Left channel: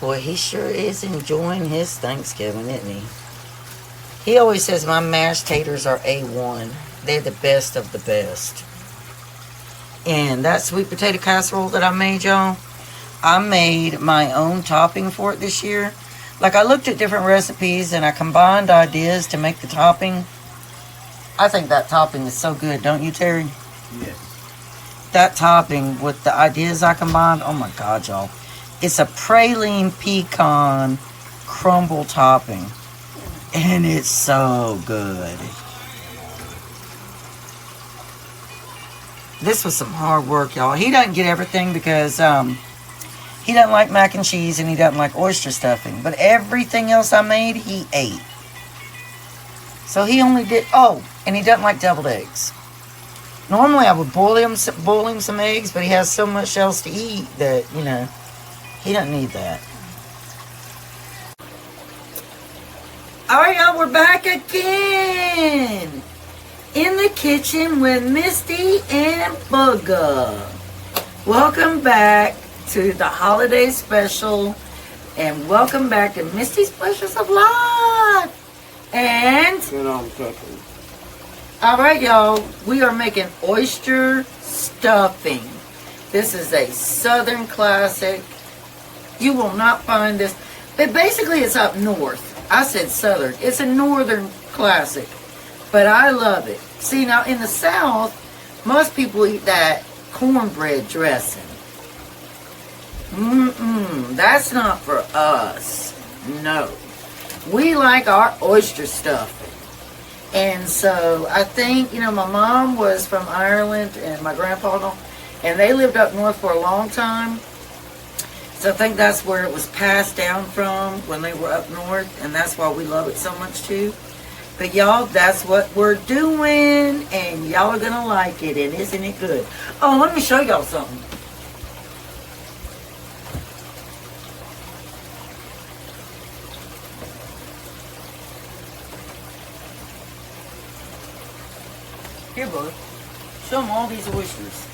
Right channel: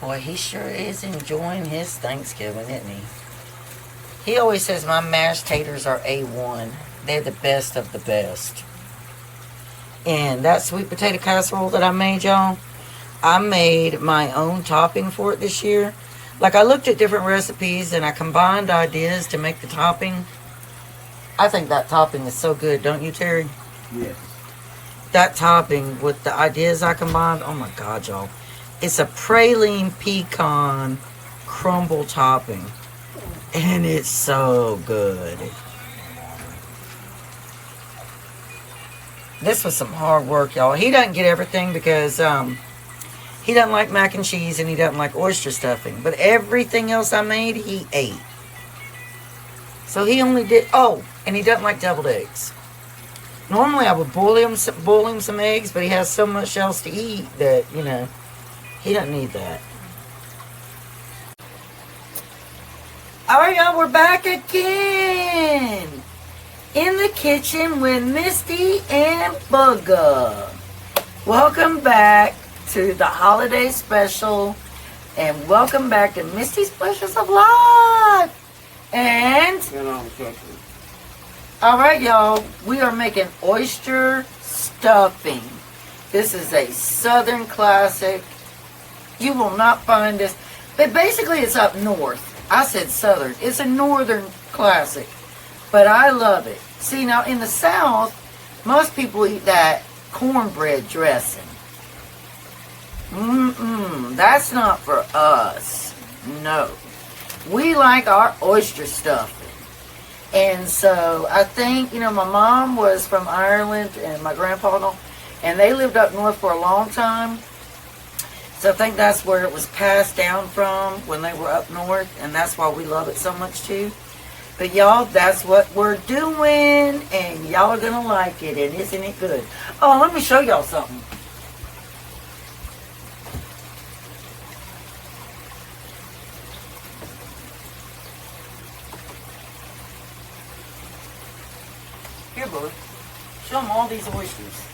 Boy, he sure is enjoying his Thanksgiving, isn't he? He always says my mashed taters are A1. They're the best of the best. And that sweet potato casserole that I made, y'all, I made my own topping for it this year. Like, I looked at different recipes and I combined ideas to make the topping. I think that topping is so good, don't you, Terry? Yes. That topping with the ideas I combined, oh my God, y'all. It's a praline pecan crumble topping. And it's so good. This was some hard work, y'all. He doesn't get everything because he doesn't like mac and cheese and he doesn't like oyster stuffing. But everything else I made, he ate. So he only did, oh, and he doesn't like deviled eggs. Normally I would boil him some eggs, but he has so much else to eat that, you know, he doesn't need that. All right, y'all, we're back again in the kitchen with Misty and Bugga. Welcome back to the holiday special, and welcome back to Misty's Pleasures of Life. And all right, y'all, we are making oyster stuffing. This is a Southern classic. You will not find this, but basically it's up north. I said Southern. It's a Northern classic, but I love it. See, now in the South, most people eat that cornbread dressing. That's not for us. No. We like our oyster stuffing. And so I think, you know, my mom was from Ireland and my grandpa, and they lived up north for a long time. So I think that's where it was passed down from when they were up north, and that's why we love it so much too. But y'all, that's what we're doing, and y'all are gonna like it, and isn't it good? Oh, let me show y'all something. Here, bud. Show them all these oysters.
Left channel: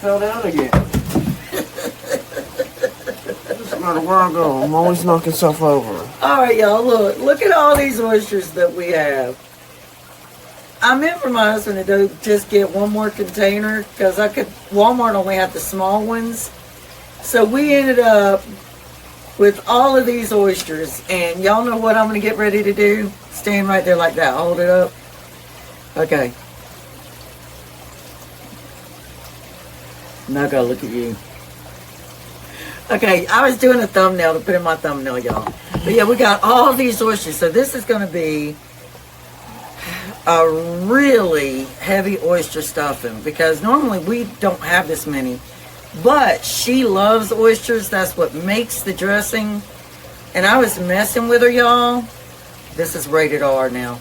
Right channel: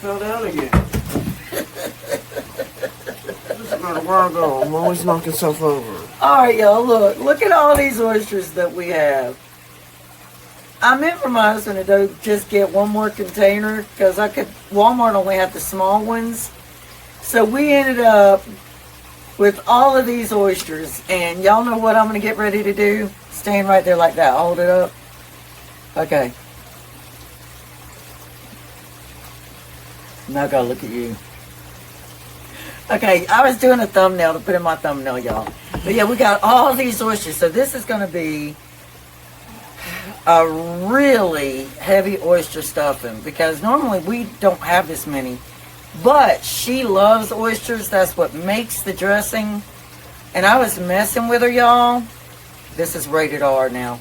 Fell down again. Just about a while ago. I'm always knocking stuff over. Alright, y'all, look at all these oysters that we have. I meant for my husband to just get one more container because Walmart only had the small ones. So we ended up with all of these oysters, and y'all know what I'm going to get ready to do? Stand right there like that. Hold it up. Okay. Now I gotta look at you. Okay, I was doing a thumbnail to put in my thumbnail, y'all. But yeah, we got all these oysters. So this is gonna be a really heavy oyster stuffing because normally we don't have this many. But she loves oysters. That's what makes the dressing. And I was messing with her, y'all. This is rated R now.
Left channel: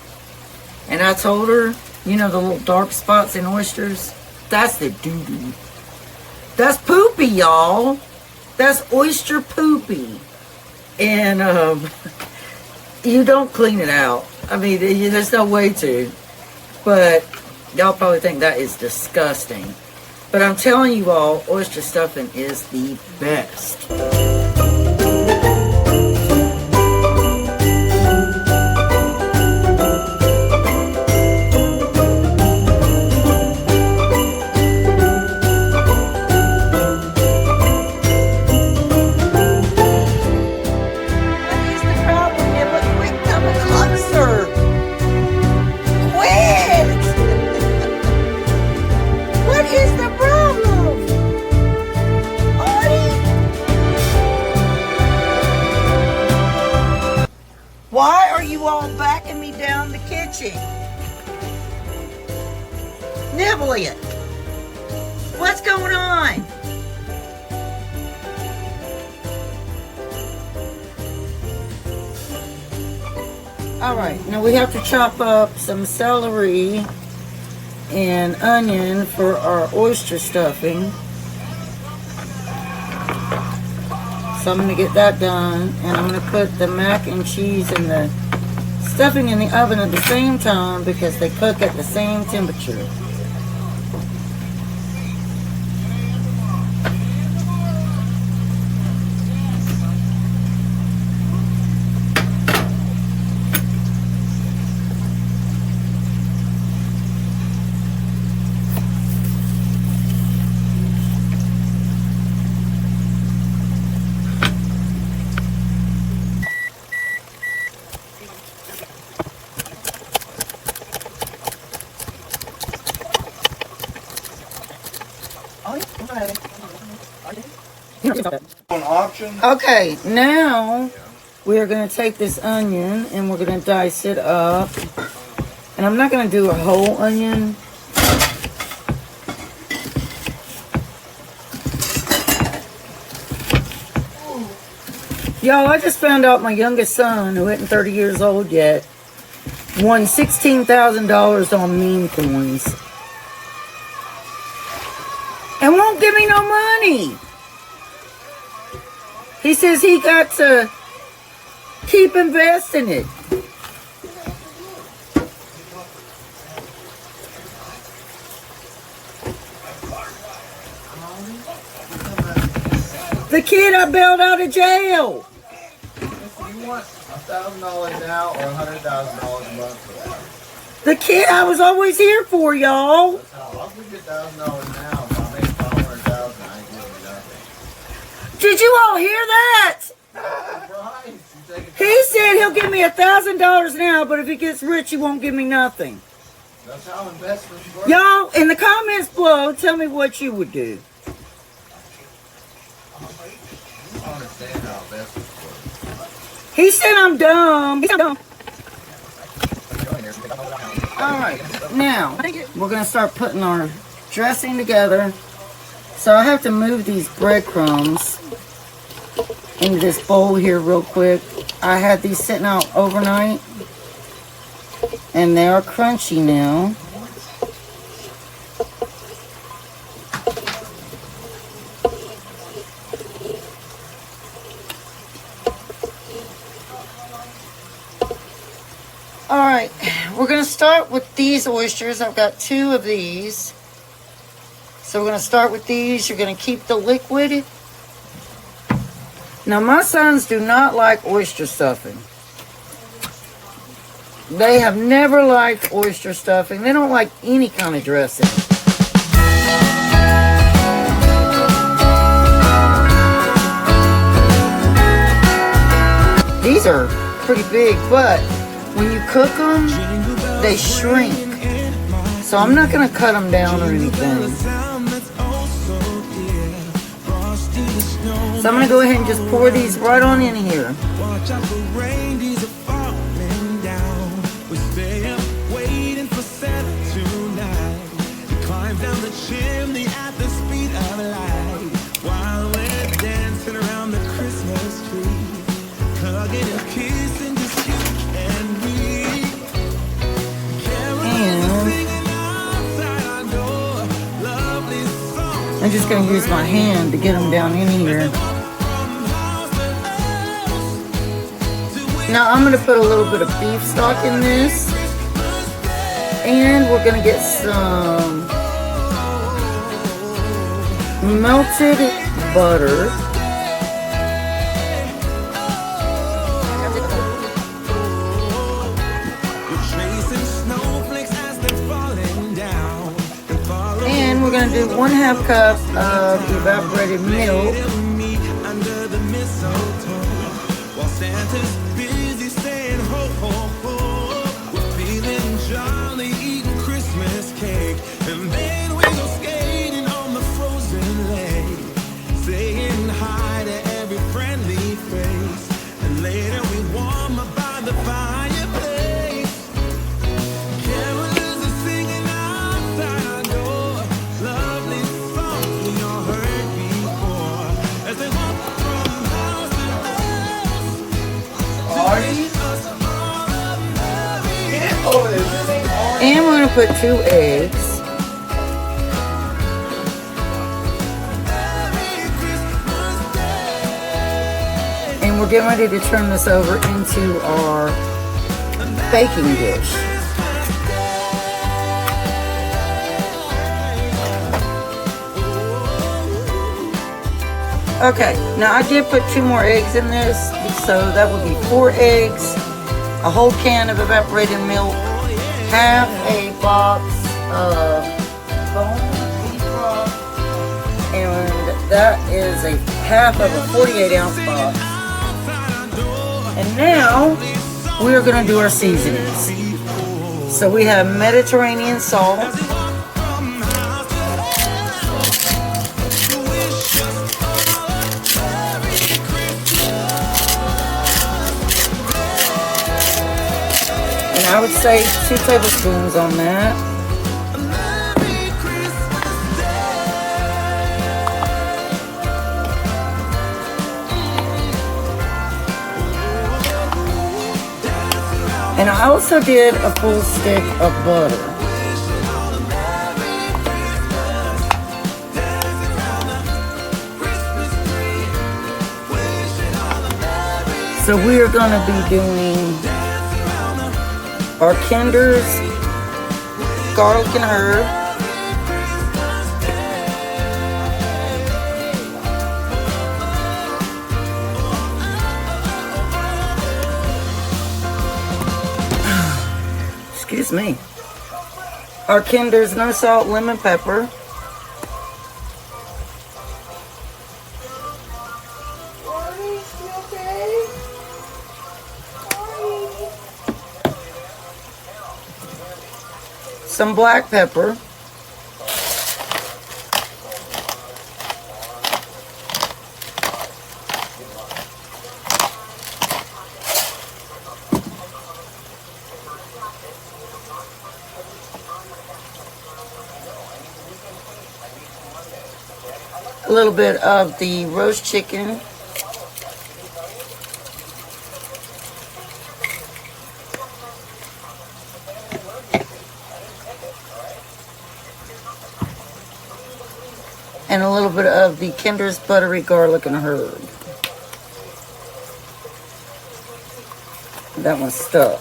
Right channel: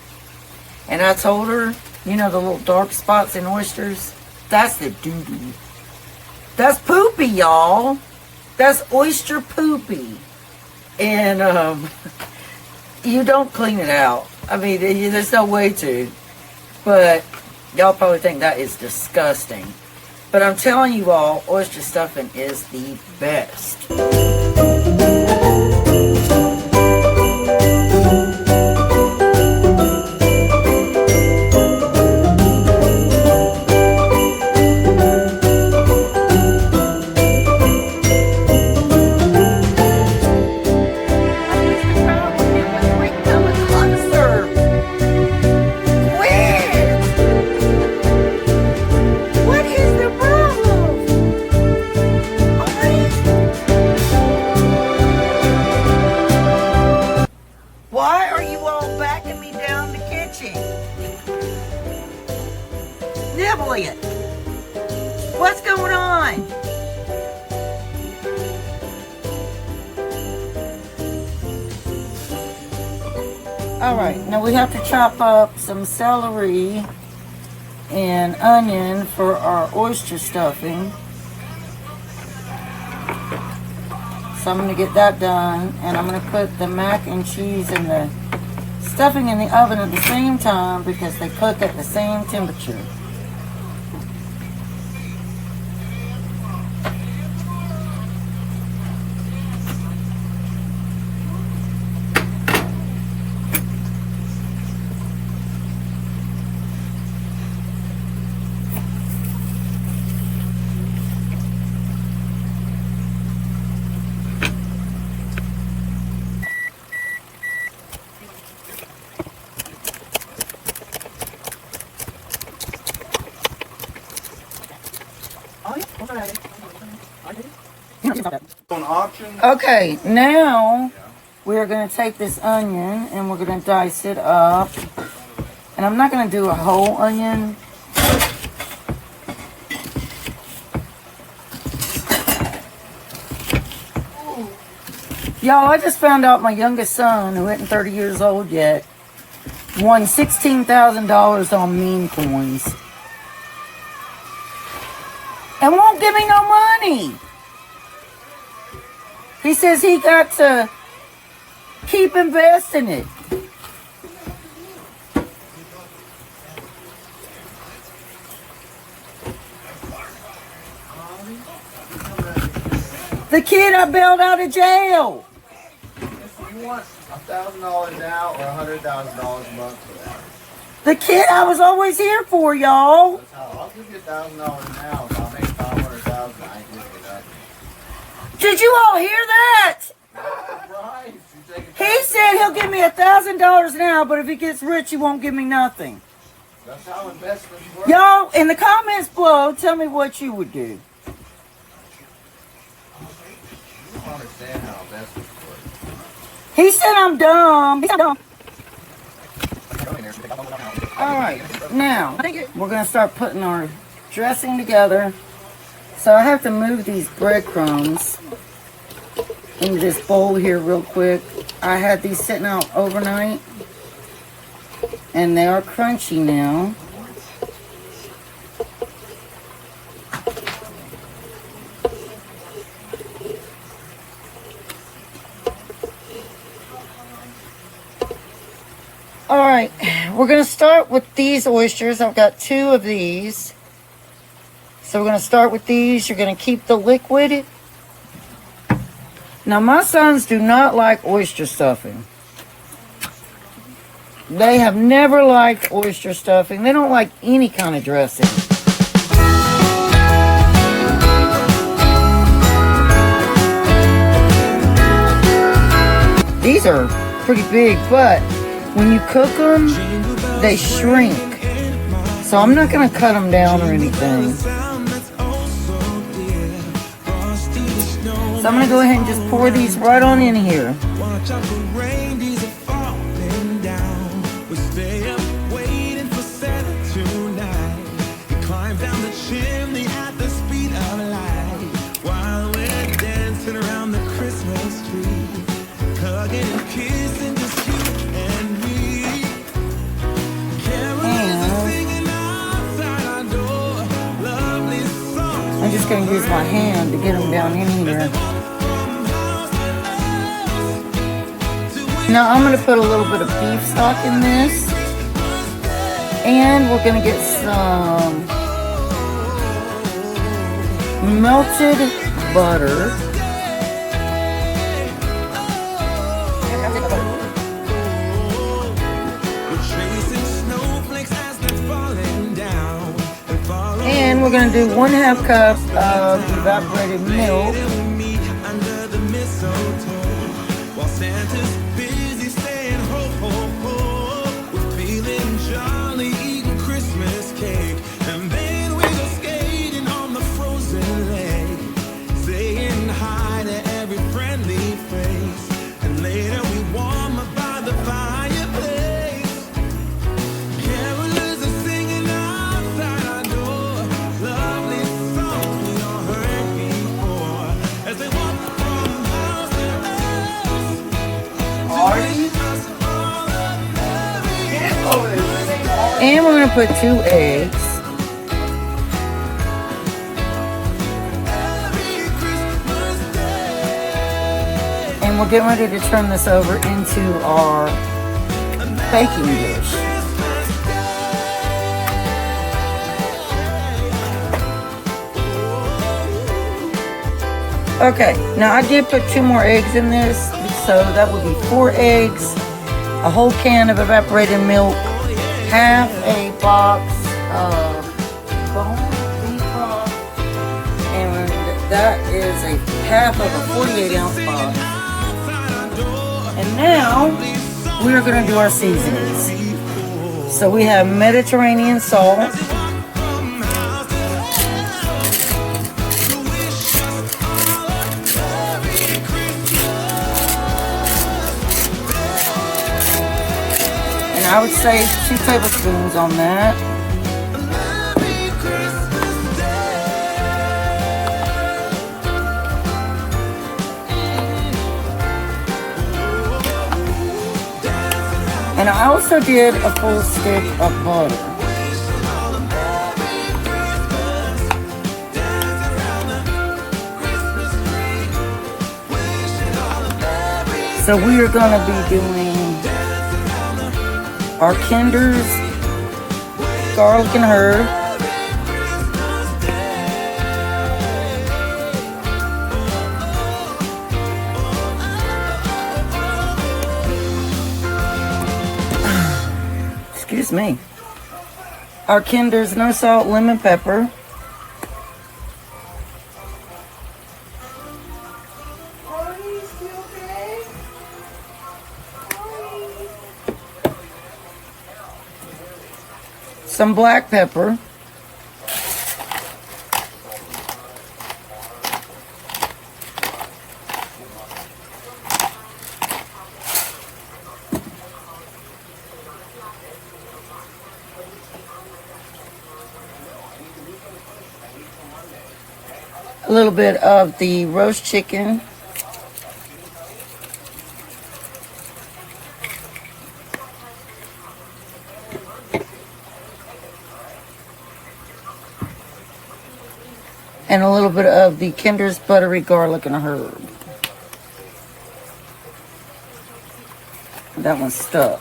And I told her, you know the little dark spots in oysters? That's the doo-doo. That's poopy, y'all. That's oyster poopy. And you don't clean it out. I mean, there's no way to. But y'all probably think that is disgusting. But I'm telling you all, oyster stuffing is the best. Why are you all backing me down the kitchen? Nibble it. What's going on? Alright, now we have to chop up some celery and onion for our oyster stuffing. So I'm going to get that done, and I'm going to put the mac and cheese and the stuffing in the oven at the same time because they cook at the same temperature. On auction? Okay, now we're going to take this onion and we're going to dice it up. And I'm not going to do a whole onion. Y'all, I just found out my youngest son, who isn't 30 years old yet, won $16,000 on meme coins. And won't give me no money. He says he got to keep investing it. The kid I bailed out of jail. You want $1,000 now or $100,000 a month for that? The kid I was always here for, y'all. That's how I'll give you $1,000 now. If I make $500,000, I ain't giving you nothing. Did you all hear that? Surprise! You take He said he'll give me $1,000 now, but if he gets rich, he won't give me nothing. That's how investments work. Y'all, in the comments below, tell me what you would do. You don't understand how investments work. He said I'm dumb. He said I'm dumb. Go in there, take out the house. Alright, now we're going to start putting our dressing together. So I have to move these breadcrumbs into this bowl here real quick. I had these sitting out overnight and they are crunchy now. Alright, we're going to start with these oysters. I've got 2 of these. So we're going to start with these. You're going to keep the liquid. Now my sons do not like oyster stuffing. They have never liked oyster stuffing. They don't like any kind of dressing. These are pretty big, but when you cook them, they shrink. So I'm not going to cut them down or anything. So I'm going to go ahead and just pour these right on in here. Watch out for reindeers are falling down. We stay up waiting for Santa tonight. He climbs down the chimney at the speed of light while we're dancing around the Christmas tree, hugging and kissing just you and me. Carolers are singing outside our door, lovely songs. I'm just going to use my hand to get them down in here. Now I'm going to put a little bit of beef stock in this. And we're going to get some melted butter. And we're going to do 1/2 cup of evaporated milk. Under the mistletoe, while Santa's busy saying ho ho ho, we're feeling jolly, eating Christmas cake, and then we go skating on the frozen lake, saying hi to every friendly face, and later we warm up by the fireplace. Carolers are singing outside our door, lovely songs we all heard before, as they walk from house to house to wish us all a merry And we're going to put 2 eggs. Christmas Day. And we're getting ready to turn this over into our A baking dish. Okay, now I did put 2 more eggs in this, so that would be 4 eggs, a whole can of evaporated milk, half a box of beef broth, and that is a half of a 48-ounce box. And now we are going to do our seasonings. So we have Mediterranean salt, and I would say 2 tablespoons on that. And I also did a full stick of butter. So we are going to be doing our Kinders, garlic and herb, excuse me, our Kinders no salt lemon pepper, some black pepper, a little bit of the roast chicken, and a little bit of the Kinder's buttery garlic and herb. That one's stuck.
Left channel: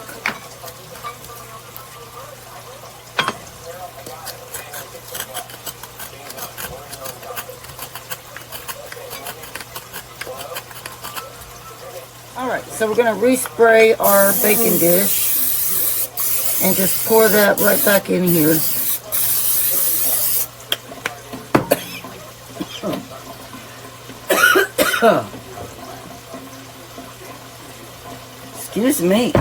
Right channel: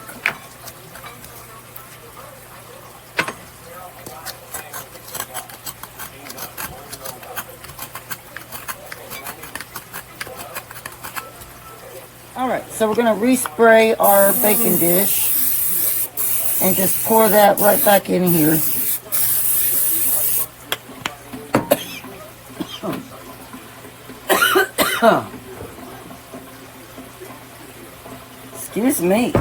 Alright, so we're going to respray our baking dish and just pour that right back in here. Excuse me.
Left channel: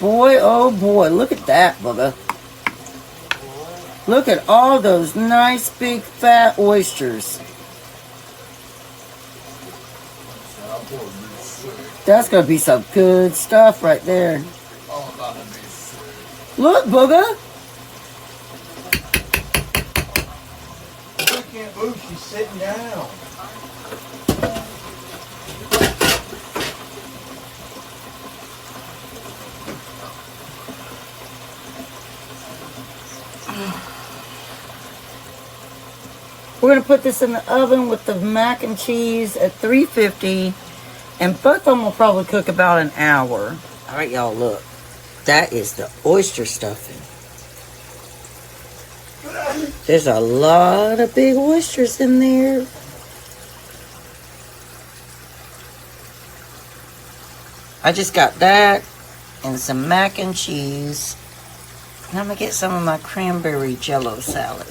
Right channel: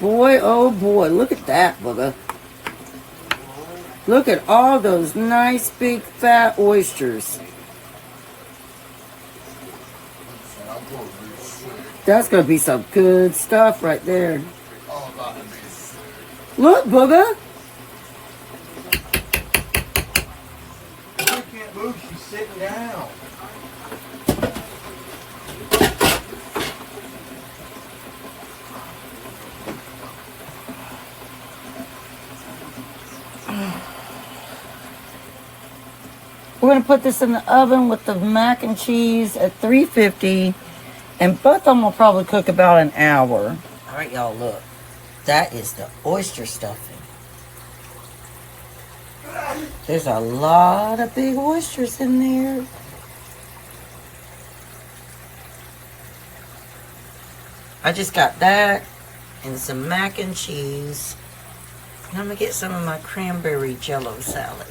Boy, oh boy, look at that, bugger. Look at all those nice big fat oysters. That's gonna be some good stuff right there. Look, booger. She can't move, she's sitting down. We're gonna put this in the oven with the mac and cheese at 350, and both of them will probably cook about an hour. All right, y'all, look. That is the oyster stuffing. There's a lot of big oysters in there. I just got that and some mac and cheese. And I'm gonna get some of my cranberry jello salad.